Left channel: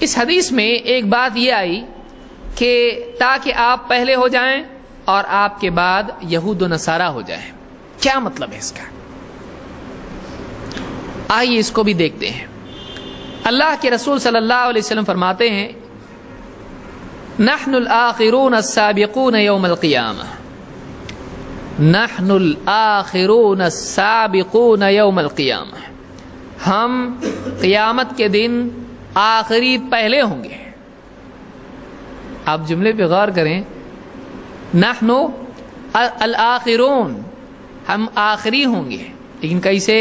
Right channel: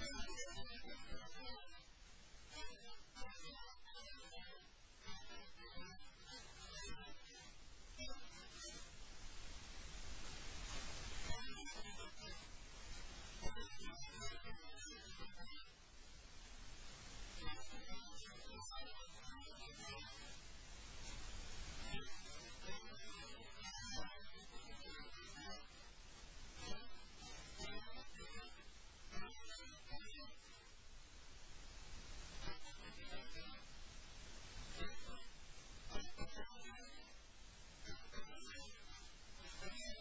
اس حدیث میں ایک بات یہ آئی کہ تاکہ آپ پہلے ہو جائیں اور آپ کے بعد یہود و نصارہ ہو جائیں. کیا مطلب ہے اس کا؟ آئیے اس کو بھی دیکھتے ہیں. اللہ کے رسول صلی اللہ علیہ وسلم فرماتے ہیں نحن الآخرون السابقون یوم القیامہ. نحن الآخرون السابقون یوم القیامہ. ہم قیامت کے دن آخری پہلے ہوں گے. آپ جملے پہ غور کریں. نحن الآخرون، ہم آخری ہوں گے، لیکن کیسے؟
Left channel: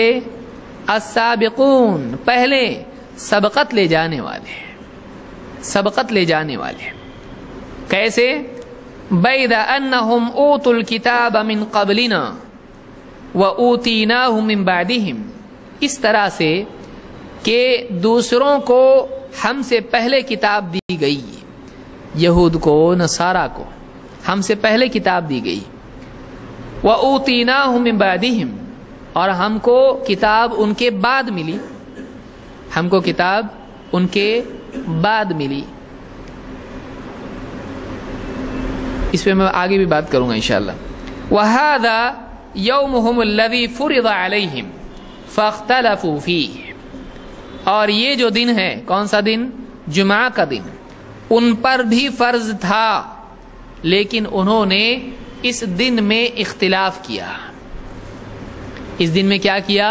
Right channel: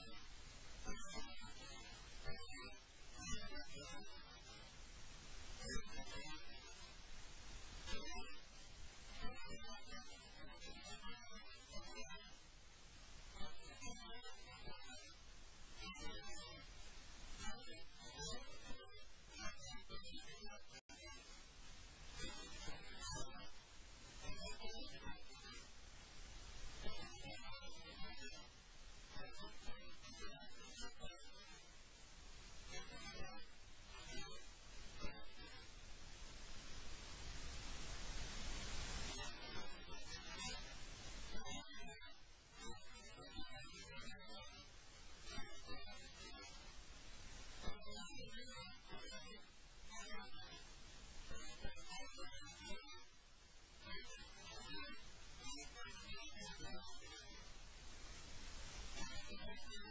السابقون، پہلے، سبقت لے جانے والے، سبقت لے جانے والے. کیسے؟ بید انہم اوتوا الکتاب من قبلنا واوتیناہ من بعدہم. اس طرح سے کہ دوسروں کو ہم سے پہلے کتاب دی گئی، یہود کو، نصارہ کو ہم سے پہلے کتاب دی گئی. وَأُوتِينَاهُ مِن بَعْدِهِمْ، اور ہم کو کتاب ان کے بعد ملی، ہم کو کتاب ان کے بعد ملی. اس پہ میں آگے بھی بات کروں گا انشاءاللہ. وَهَذَا يَوْمُهُمُ الَّذِي فُرِضَ عَلَيْهِمْ فَاخْتَلَفُوا فِيهِ. اور یہ جو دن ہے، کون سا دن؟ جمعہ کا دن، ان پر بھی فرض تھا لیکن انہوں نے اس دن میں اختلاف کیا. اس دن میں کیا کیا؟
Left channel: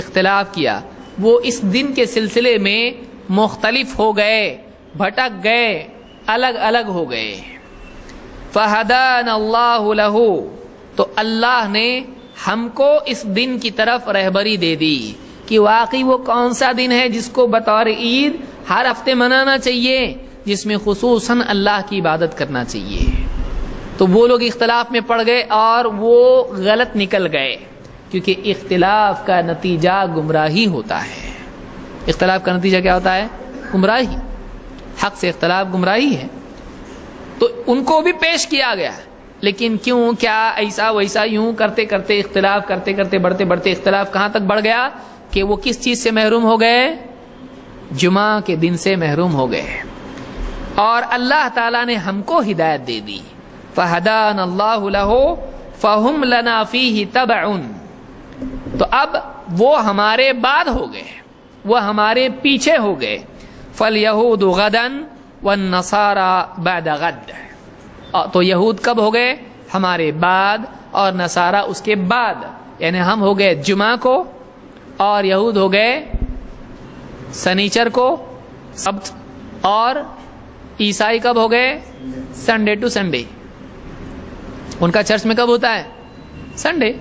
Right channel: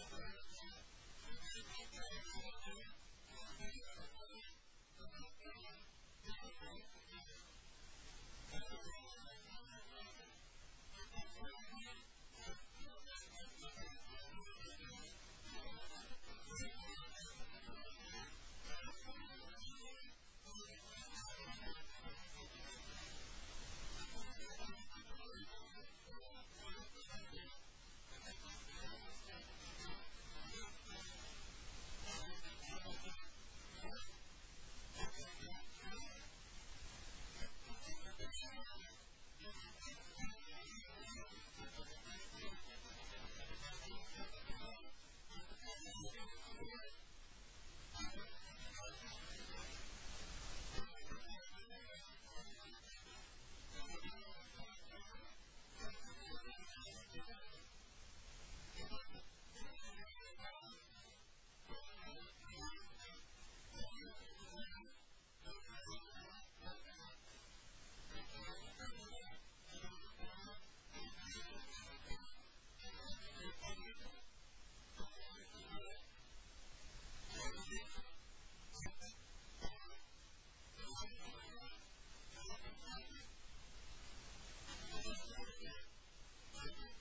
اختلاف کیا. وہ اس دن کے سلسلے میں مختلف ہو گئے، بھٹک گئے، الگ الگ ہو گئے. فَهَدَانَ اللَّهُ لَهُ، تو اللہ نے ہم کو اس دن کی طرف رہبری دے دی کہ واقعی وہ کون سا دن ہے جس کو بطور عید ہر ہفتے منانا چاہیے، جس میں خصوصاً اللہ کی عبادت کرنا چاہیے. تو وہ لوگ اختلاف میں پڑ گئے اور وہ غلط نکل گئے، کیونکہ اختلاف کا نتیجہ گمراہی ہوتا ہے. اختلاف کا نتیجہ کیا ہوتا ہے؟ گمراہی. حق سے اختلاف گمراہی ہے. تو ان کو بھی پیش کیا گیا، لیکن کیوں، کیا، ایسا ویسا، یوں کرتے کرتے، اختلاف کرتے کرتے، بڑھتے بڑھتے اختلاف کہاں تک بڑھ گیا کہ وہ کس چیز سے محروم ہو گئے؟ جمعہ کے دن سے محروم ہو گئے. اور اللہ تعالیٰ نے ہم کو ہدایت دے دی. فَهَدَانَ اللَّهُ لَهُ فَهُمْ لَنَا فِيهِ تَبَعٌ. تو اب وہ ہمارے بعد ہو گئے، وہ ہمارے پیچھے ہو گئے. فَالْيَهُودُ غَدًا وَالنَّصَارَى بَعْدَ غَدٍ. تو یہود کب ہو گئے؟ ہمارے بعد، اور نصارہ اس کے بعد. یعنی ہم ہو گئے جمعہ کو اور یہود ہو گئے سنیچر کو، سبت، اور عیسائی کب ہو گئے؟ Sunday to Sunday. ان کا چرچ میں کب ہوتا ہے؟ سنڈے.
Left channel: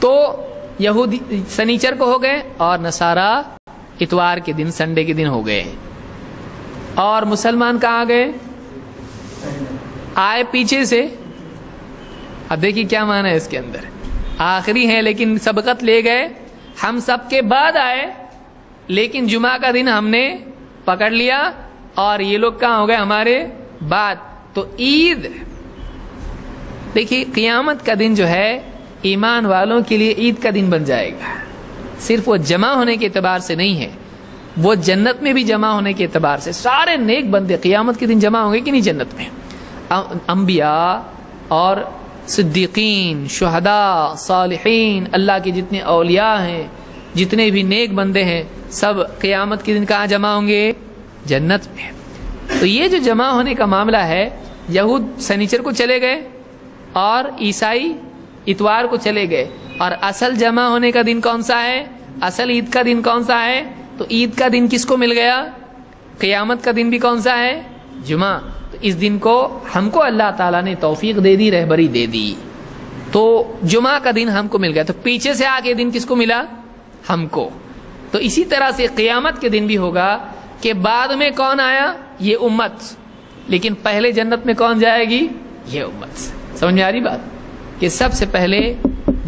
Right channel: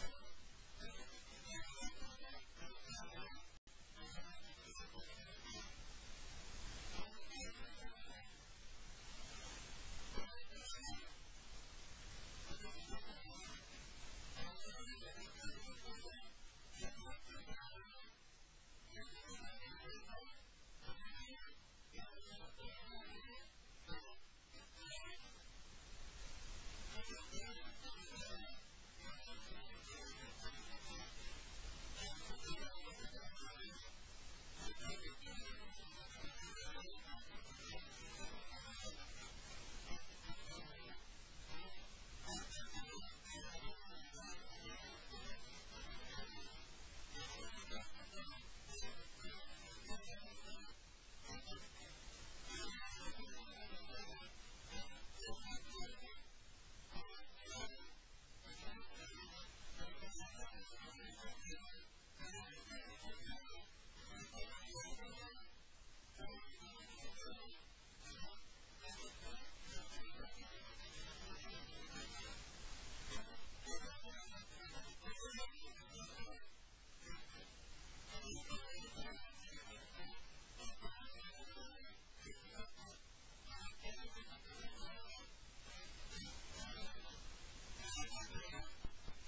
تو یہودی سنیچر کو ہو گئے اور نصارہ اتوار کے دن، سنڈے کے دن ہو گئے. اور مسلمان کہاں گئے؟ آئے پیچھے سے. اب دیکھیے کیا معنی ہے اس کے اندر. آخری ہیں لیکن سبقت لے گئے. ہم سب کے بعد آئے لیکن جمعہ کا دن ہم نے پکڑ لیا، اور یہ لوگ کہاں ہو گئے؟ ہمارے بعد. تو عید، دیکھیے قیامت کا دن جو ہے ایمان والوں کے لیے عید کا دن بن جائے گا. صرف وہ جمع ہونے کے اعتبار سے نہیں ہے، وہ جنت میں بھی جمع ہونے کے اعتبار سے. سارے نیک بندے قیامت کے دن جمع ہوں گے کہ نہیں جنت میں؟ انبیاء اور صدیقین، شہداء، صالحین، اللہ کے جتنے اولیاء ہیں، جتنے بھی نیک بندے ہیں، سب قیامت کے دن کہاں جمع ہوں گے؟ جنت میں. تو یہ جو جمع ہونے کا معاملہ ہے، یہود سنیچر کو چلے گئے اور عیسائی اتوار کو چلے گئے. اور اصل جمع ہونے کا دن کون سا ہے؟ اصل عید کا دن کون سا ہے؟ تو عید کا دن کس کو مل گیا؟ قیامت کا دن بھی کون سا ہے؟ جمعہ. تو اس دن کو ہم کو اللہ تعالیٰ نے توفیق دے دی، رہبری دے دی. تو جمعہ کا دن ہم کو مل گیا. تو پیچھے سے آگے دن کس کو ملا؟ ہم کو. تو اسی طرح سے قیامت کے دن بھی ہوگا کہ بعد میں کون آیا؟ یہ امت. لیکن پہلے جنت میں کون جائے گی؟ یہ امت. سمجھ میں آ رہی بات؟ کہ سب سے پہلے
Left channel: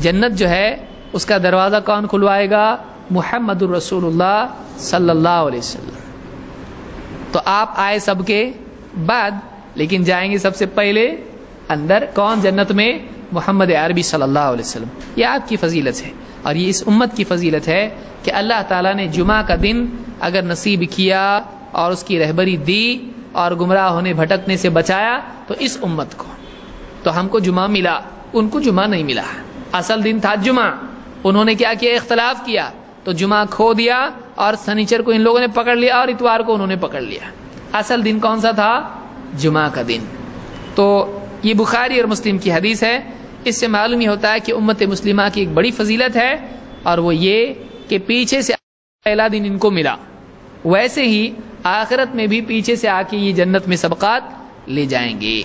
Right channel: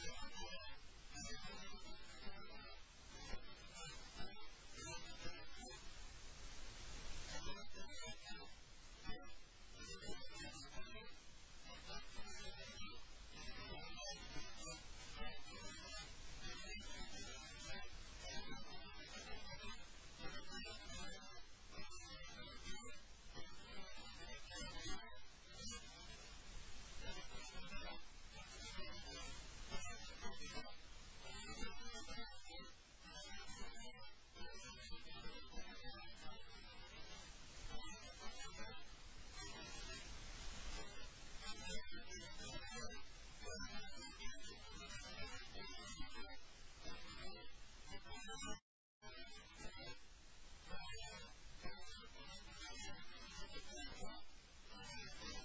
جنت جو ہے اس کا دروازہ کون کھلوائے گا؟ محمد الرسول اللہ صلی اللہ علیہ وسلم. تو آپ آئے سب کے بعد، لیکن جائیں گے سب سے پہلے اندر. کون؟ جنت میں محمد عربی صلی اللہ علیہ وسلم. یہ آپ کی فضیلت ہے اور یہ اس امت کی فضیلت ہے کہ اللہ تعالیٰ نے جمعہ کا دن اگر نصیب کیا اور اس کی رہبری دی اور گمراہ ہونے بھٹکنے سے بچایا تو اس امت کو تو ہم کو جمعہ ملا، ان کو جمعہ نہیں ملا. اصل دن تھا جمعہ، انہوں نے کیا کیا؟ اختلاف کیا تو جمعہ کھو دیا اور سنیچر کو ان لوگوں نے پکڑ لیا اور اتوار کو انہوں نے پکڑ لیا. اصل دن کون سا تھا؟ جمعہ کا دن. تو یہ بخاری اور مسلم کی حدیث ہے. اس سے معلوم ہی ہوتا ہے کہ امت مسلمہ کی ایک بڑی فضیلت ہے اور وہ یہ کہ پیچھے سے پہلا دن ان کو ملا، ویسے ہی آخرت میں بھی پیچھے سے آ کے یہ جنت میں سبقات لے جائیں گے.